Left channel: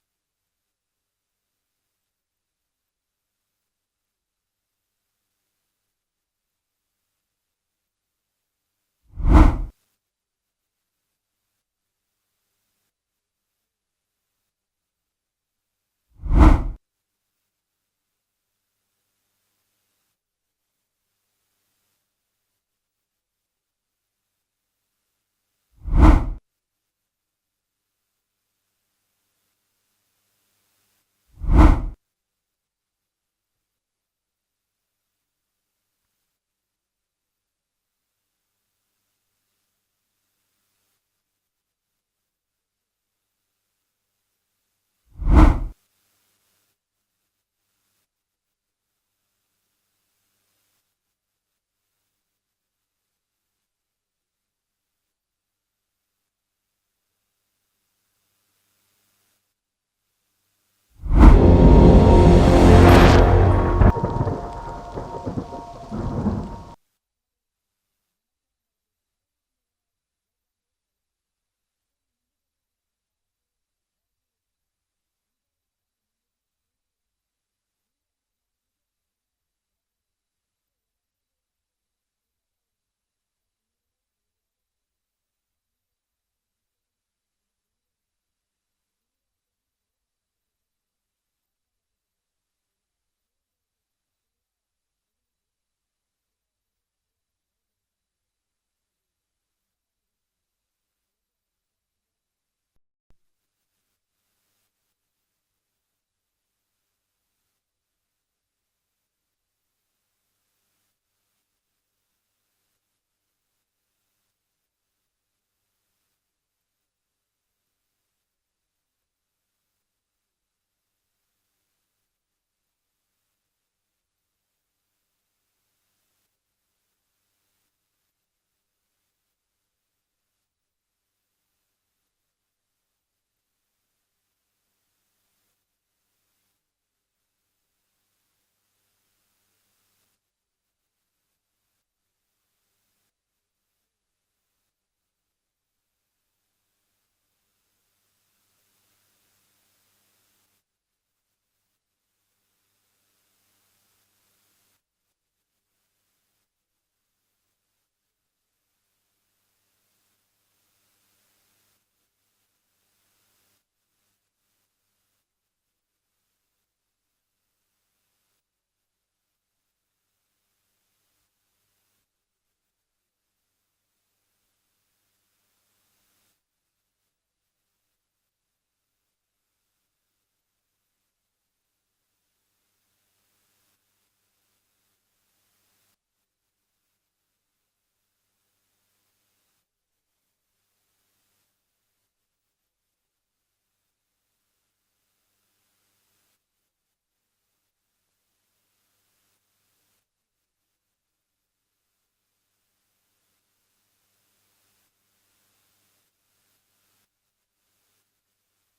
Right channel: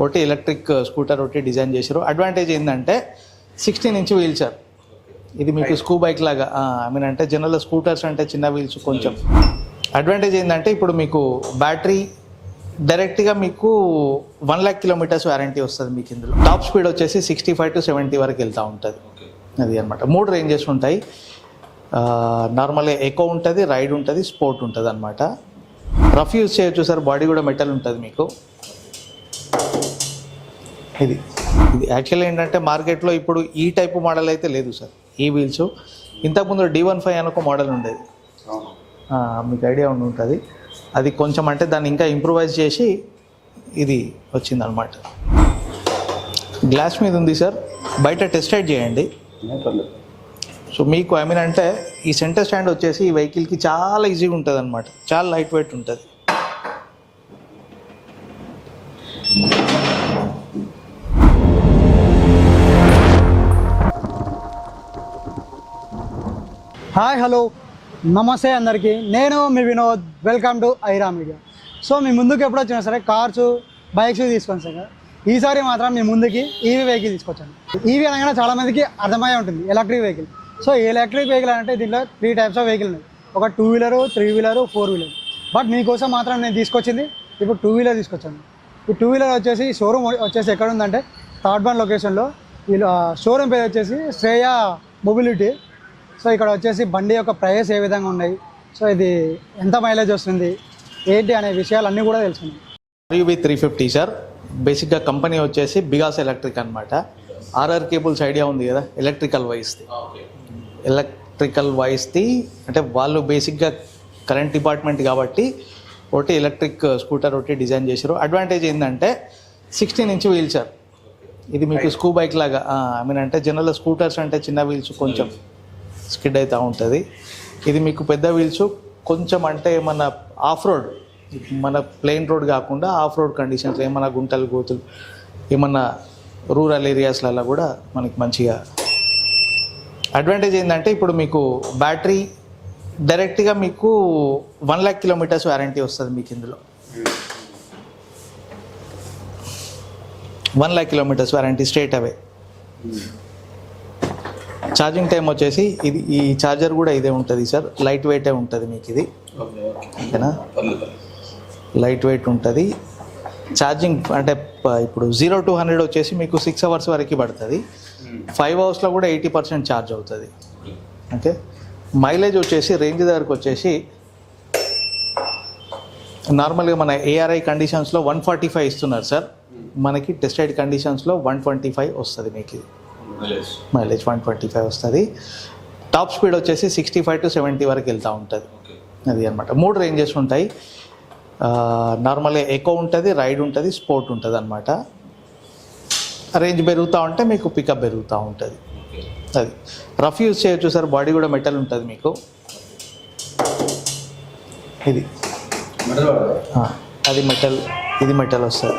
ఒకటి electric scooter ఒకటి design చేశారు. అడ్వాంటేజ్ ఏంటంటే 16 ఇంచ్ వీల్ సార్. ఇది మీకు స్కూ బైక్ లాగా అంటే జనరల్ స్కూటర్స్ అంటే చిన్న వీల్స్ కొంచెం. అడ్వాంటేజ్ ఏంటంటే ఇప్పుడు మీకు బ్యాటరీ డైరెక్ట్గా మీకు 1 lakh kilometers వారంటీ వస్తుంది మీకు. ఇందులో టాప్ స్పీడ్ వచ్చేసి 65 to 70 వరకు వెళ్తూ ఉంటుంది. అది అనమాట. 3 రేంజెస్ ఉంటాయి. నార్మల్గా ఎకో ఉంటుంది, రైడ్ ఉంటుంది, స్పోర్ట్ ఉంటుంది అనమాట. రఫ్ యూజ్ చేయొచ్చు సార్. బాడీ కూడా మెటల్ ఉంటుంది మీకు. ఇది యాక్చువల్లీ ఏంటంటే మార్కెట్లో ఇప్పుడు ఈ టైపు మోడల్ అయితే లేదు సార్. ఈ వీల్స్ ఇంతకుముందు D15 అని ఒక మోడల్ ఉండేది, మీకు ఐడియా ఉంటుంది. అది కొంచెం అంటే దాన్ని ఇంకా ఇంప్రూవైజ్ చేసి ఇది వచ్చిందనమాట. గ్లాస్ మీద ఉంది సార్, బయట టెస్ట్ రైడ్ చేయండి. సో మీకు అంటే ఈ సెంటర్ స్టాండ్ వచ్చేసి ఈ వెహికల్కి చాలా ఈజీగా ఉంటుంది అనమాట. చాలా లైట్ వెయిట్ ఉంటుంది. హాయ్, హలో, నమస్తే అందరికీ. నేను మీ Vinod. Welcome to Aira media. So మీ ముందుకు ఎప్పుడు వచ్చినా సరే కార్స్, బైక్స్ తీసుకొని సార్, ఈసారి మాత్రం మీ ముందుకి ఈవీ వెహికల్ తీసుకొచ్చాను. ఈవీ అనగానే చాలామందికి అర్థమై ఉంటుంది electric vehicle. So electric vehicle అంటే దీంట్లో 3 types ఆఫ్ వెహికల్ ఉన్నాయి. ఒక 2 wheeler, 3 wheeler, 4 wheeler. బట్ మీకోసం మాత్రం నేను తీసుకొచ్చింది ఇప్పుడు 2 wheeler తీసుకొచ్చాను. ఈ 2 wheeler వచ్చేసి షోరూమ్ వచ్చేసి ఎక్కడ ఉందంటే థర్డ్ వన్ లొకేషన్లో. వీళ్ళు షోరూమ్ పేరు వచ్చేసి శ్రేయ మొబిలిటీ. సో ఇక్కడ వచ్చేసి బండి యొక్క ప్రైస్ ఏ విధంగా ఉన్నాయి, సో ఇది ఎంత మైలేజ్ వస్తుంది, ఏంటి అనే విషయాలన్నీ కూడా తెలుసుకున్నాం. RUV 350 sir. బేసిక్గా కంపెనీ వచ్చేసి బిగాస్ ఎలక్ట్రిక్ అనమాట. RR కేబుల్స్ ఐడియా ఉంది కదా, ఎలక్ట్రికల్ వైస్ది అంటే వాళ్ళు బేసిక్గా కరెంట్ డిపార్ట్మెంట్ కాబట్టి ఒకటి ఎలక్ట్రిక్ స్కూటర్ ఒకటి డిజైన్ చేశారు. అడ్వాంటేజ్ ఏంటంటే 16 ఇంచ్ వీల్ సార్. ఇది మీకు స్కూ బైక్ లాగా అంటే జనరల్ స్కూటర్స్ అంటే చిన్న వీల్స్ కొంచెం స్కిడ్ అవుతూ ఉంటుంది. ఇది మీకు పెద్ద వీల్స్ కొంచెం అంటే మన ఆఫ్ రోడ్, మన ప్లెయిన్ రోడ్ కాకుండా ఆఫ్ రోడ్ కండిషన్స్ ఏమన్నా గుంటలు గోతులు ఏమన్నా రూరల్ ఏరియాస్లలో కూడా మనకి మంచిగా. అడ్వాంటేజ్ ఏంటంటే ఇప్పుడు మీకు బ్యాటరీ డైరెక్ట్గా మీకు 1 lakh kilometers వారంటీ వస్తుంది మీకు. ఇందులో 1 lakh kilometers warranty straight away. Charging time వచ్చేసి ఈ ఛార్జర్ కూడా ఇదే ఉంటుంది సార్. లైట్ వెయిటే ఉంటుంది మీకు. ఇది ఓకేనా, లైట్ వెయిట్ ఉంటుంది. ఛార్జింగ్ అంటే ఇప్పుడు 0 to 100 వచ్చేసి మీకు 6 hours వరకు పడుతుంది. 5 hours కూడా 80% ఛార్జ్ అవుతుంది. ఓకే. మైలేజ్ వచ్చేసి రేంజ్ దగ్గరకు వచ్చేసి నార్మల్గా మన ARI కండిషన్స్లో 145 ఇస్తున్నారు సార్. మనకి టెస్ట్ రైడ్ కండిషన్స్లో 125 వస్తుంది మీకు. మైలేజ్ 125 వస్తుంది. టాప్ స్పీడ్ వచ్చేసి 65 to 70 వరకు వెళ్తూ ఉంటుంది. అది అనమాట. 3 రేంజెస్ ఉంటాయి. నార్మల్గా ఎకో ఉంటుంది, రైడ్ ఉంటుంది, స్పోర్ట్ ఉంటుంది అనమాట. రేంజ్ పెరుగుతూ ఉంటే మీకు పికప్ పెరుగుతూ ఉంటుంది. అది రఫ్ యూజ్ చేయొచ్చు సార్. బాడీ కూడా మెటల్ ఉంటుంది మీకు. ఇది అది మెటల్, ఇది మెటల్ వస్తుంది.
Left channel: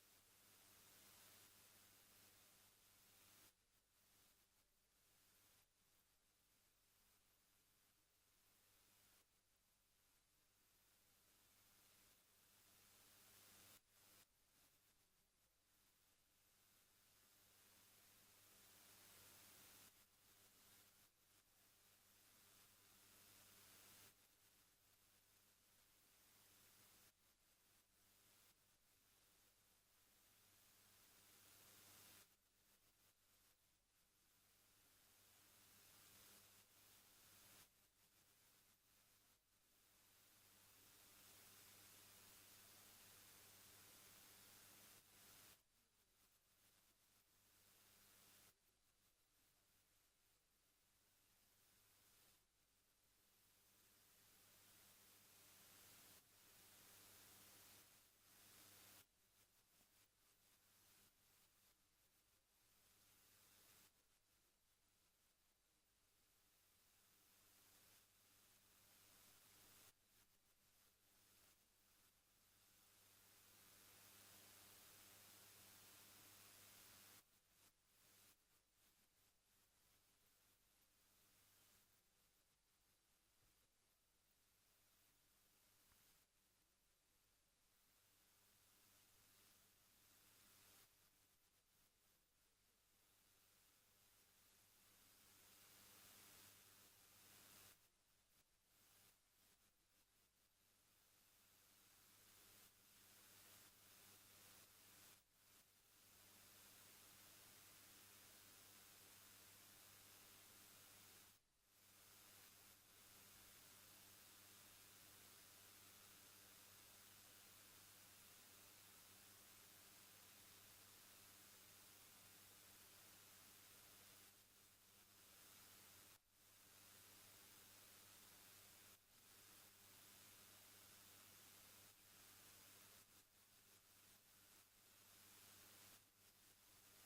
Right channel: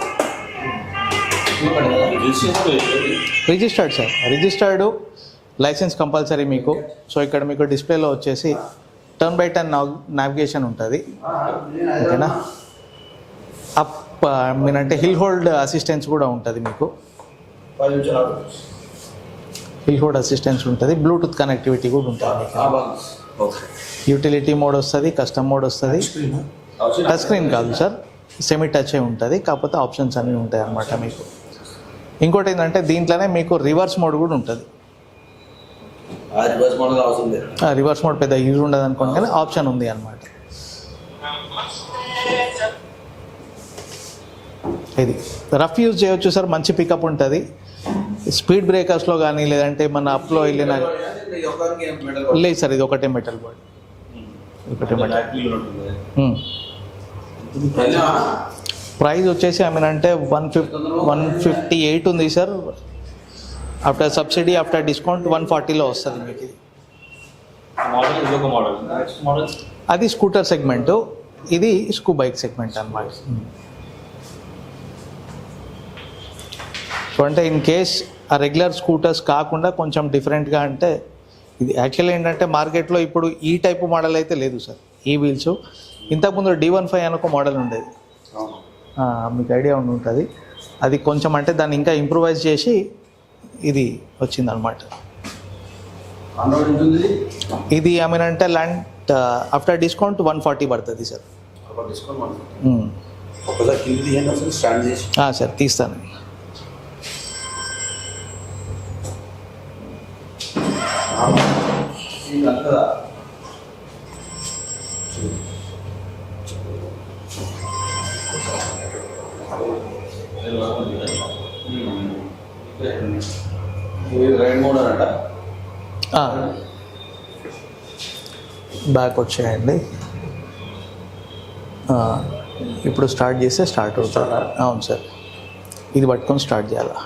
Registered sir. Registered, license compulsory మీకు. సో ఇక్కడ మీకు డిస్ప్లేలో వచ్చేసి టర్న్ బై టర్న్ నావిగేషన్ ఉంటుంది. ఓకేనా. అప్ అంటే హిల్ హోల్డ్ అసిస్టెన్స్ కూడా ఉంటుంది మీకు. హిల్ హోల్డ్ అసిస్టెన్స్ ఉంటుంది. బ్లూటూత్ కనెక్టివిటీ కూడా ఉంటుంది మీకు. యూటిలిటీ మోడ్ వస్తుంది, కస్టమ్ మోడ్ వస్తుంది. టచ్ స్క్రీన్ కాదు సార్, సెమీ టచ్ ఉంటుంది. కాకపోతే ఆప్షన్స్ అన్నీ ఉంటాయి అన్నమాట మీకు. ఇంకోటి ఏంటంటే దీంట్లోనే మీకు రివర్స్ మోడ్ కూడా ఉంటుంది. రివర్స్ మోడ్ పెద్ద యూజ్ ఉండదు అనుకోండి, కానీ ఆప్షన్ ఉంది అన్నమాట. ఇది రఫ్ యూజ్ చేయొచ్చు సార్. మంచి పికప్ ఉంటుంది. స్పీడ్ బ్రేకర్స్లో కానీ లేదంటే మన అప్లో వెళ్ళిన లేదు సార్. ఇది ఒకటే మెటల్ బాడీ, ఒకటే మెటల్. ప్రైస్ వచ్చేసి అంటే 158 ఉంది sir. After subsidy, after discount 140లో వస్తుంది మీకు. అది స్కూటర్ సెగ్మెంట్, ఇది స్కూ బైక్ సెగ్మెంట్ అన్నమాట. సో అంటే ఇన్ కేస్ ఆ రెగ్యులర్ స్కూటర్స్ కాకుండా కొంచెం డిఫరెంట్గా అంటే ఇది యాక్చువల్లీ ఏంటంటే మార్కెట్లో ఇప్పుడు ఈ టైపు మోడల్ అయితే లేదు సార్. ఈ వీల్స్ ఇంతకుముందు D15 అని ఒక మోడల్ ఉండేది, మీకు ఐడియా ఉంటుంది. అది కొంచెం అంటే దాన్ని ఇంకా ఇంప్రూవైజ్ చేసి ఇది వచ్చిందనమాట. ఇది ఏమైనా ల్యాండ్ ఆఫ్టర్ డిస్కౌంట్ 140 పడుతుంది సార్. సార్ తీస్తాను. బ్యాక్ వచ్చేయండి. ఇప్పుడు స్టార్ట్ చేస్తే స్టార్ట్ అవుతుంది. అవును సార్, ఇది పట్టుకొని స్టార్ట్ చేయాలా?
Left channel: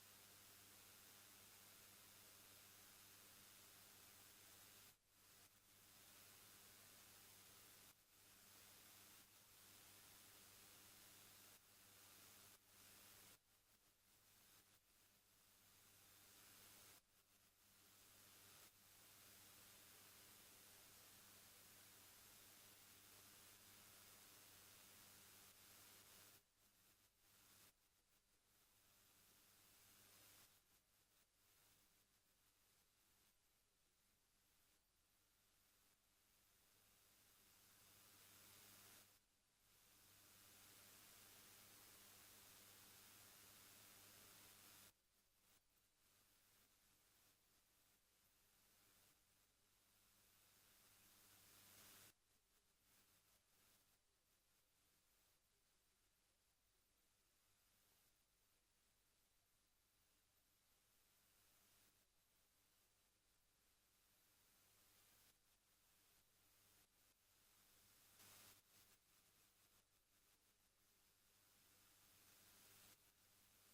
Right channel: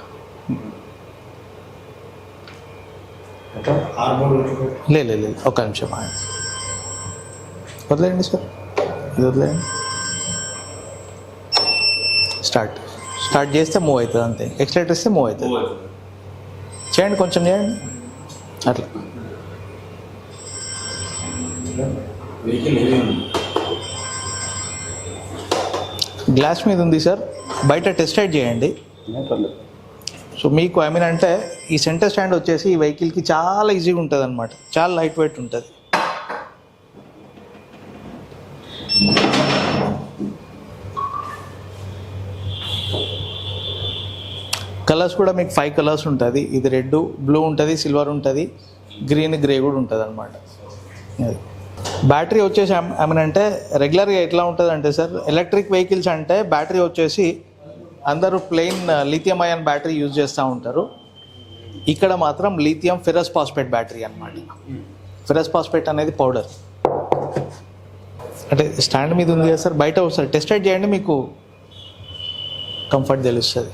లేదు, ఒక నిమిషం వదిలేయండి సార్, ఇది వదిలేయండి. స్టార్ట్ చేస్తే మూవ్ అవుతుంది అంతే. ఎక్సలేటర్ ఇస్తే మూవ్ అవుతుంది. చేయండి, కొంచెం చేయండి అట్లా. గ్లాస్ మీద ఉంది సార్, బయట టెస్ట్ రైడ్ చేయండి. సో మీకు అంటే ఈ సెంటర్ స్టాండ్ వచ్చేసి ఈ వెహికల్కి చాలా ఈజీగా ఉంటుంది అనమాట, చాలా లైట్ వెయిట్ ఉంటుంది. కలర్స్ కూడా మీకు 5 కలర్స్ ఉంటుంది. ఇది రెడ్, బ్లూ ఉంటుంది, సిల్వర్ ఉంటుంది, గ్రీన్, గ్రే కూడా ఉంటుంది అనమాట. బ్యాటరీ వచ్చేసి అంటే రెగ్యులర్గా ఎట్లా ఉంటుంది అంటే సార్, ఎలక్ట్రిక్ వెహికల్స్ అంటే బ్యాటరీ వచ్చేసి అందరూ plain lithium ion battery use చేస్తూ ఉంటారు. ఇక్కడ మాత్రం లిథియం ఫెరస్ ఫాస్ఫేట్ బ్యాటరీ అనమాట. ఫెరస్ ఫాస్ఫేట్ అనేది పౌడర్. అంటే స్టాండ్ మీద ఉంది కదా సార్, బయట ఒకసారి టెస్ట్ రైడ్ చేయండి, మీకు కంఫర్ట్ తెలుస్తుంది.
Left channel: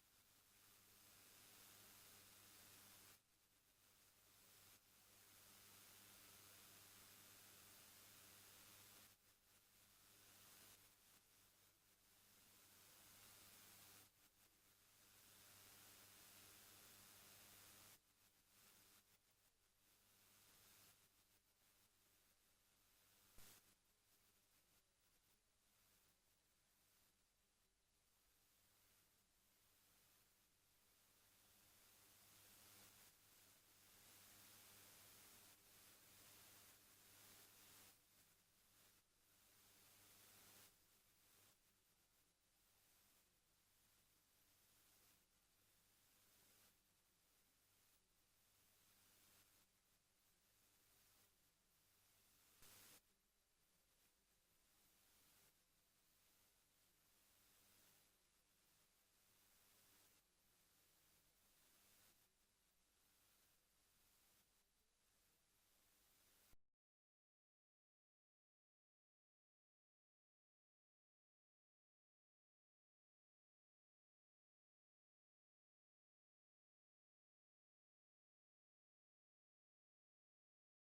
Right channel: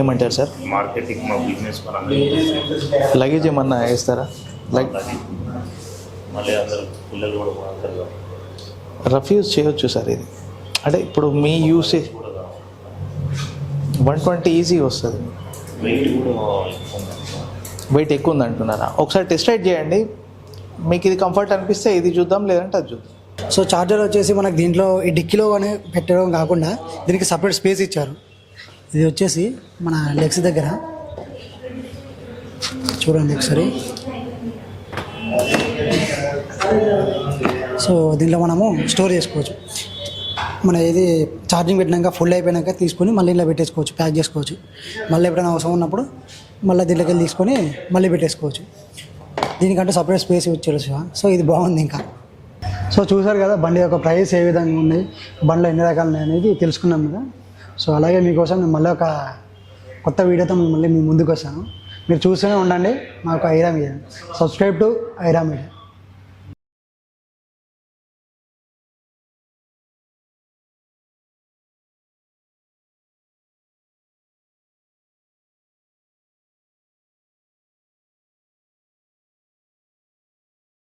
ఏమంటారు సార్? మార్కెటింగ్ మా బిజినెస్ లగేజ్ ఏమన్నా వేస్తారా? మళ్ళీ అందరూ పిల్లలు కూడా రఫ్ యూజ్ చేయొచ్చు సార్. ఇది అంటే ఇప్పుడు మీ యూసేజ్ 120 ఈజీ వస్తుంది. వెయిట్ ఎక్కువ ఉంది అంటున్నారా? ఒకసారి టెస్ట్ రైడ్ చేయండి, మీకు ఇది కంఫర్ట్ అనిపిస్తే ఇది చూద్దాం, లేదంటే అది చూద్దాం. సో చార్జర్ వచ్చేసి మనకు దీంట్లో ఈ డిక్కీలో కానీ పెట్టడం కాకుండా దీనికి సపరేట్ స్పేస్ ఇచ్చారు. ఇది వచ్చేసి మన లెగ్స్ దగ్గర చూడండి ఒకసారి. సో దీంట్లో మనము స్టోర్ చేసుకోవచ్చు. మన ఇది ఛార్జింగ్ పెట్టినాక ఫుల్ అయిపోయినాక తీసుకొని మళ్ళీ ఇలా పెట్టేసుకోవచ్చు, ప్యాక్ చేసుకోవచ్చు. మళ్ళీ ఎప్పుడైనా అవసరం ఉన్నప్పుడు మళ్ళీ దీంట్లోకి వెళ్ళి తీసుకొని మళ్ళీ పెట్టేసుకోవచ్చు. దీనికంటే సపరేట్ స్పేస్ ఇచ్చారు. సో ఇది బాగుంది. ఇంకా సో చూసారు కదా బండి యొక్క ప్రైస్ ఏ విధంగా ఉన్నాయి, బండ్లో ఎన్ని రకాలు ఉన్నాయి అనేది తెలుసుకున్నాం కదా. సో అలాగే మీకోసం నేను మళ్ళీ ఒక కొత్త వీడియోతో మళ్ళీ మీ ముందుకు వస్తాను. మీరు చూస్తూనే ఉండండి మాకు Aira media. Subscribe to Aira media.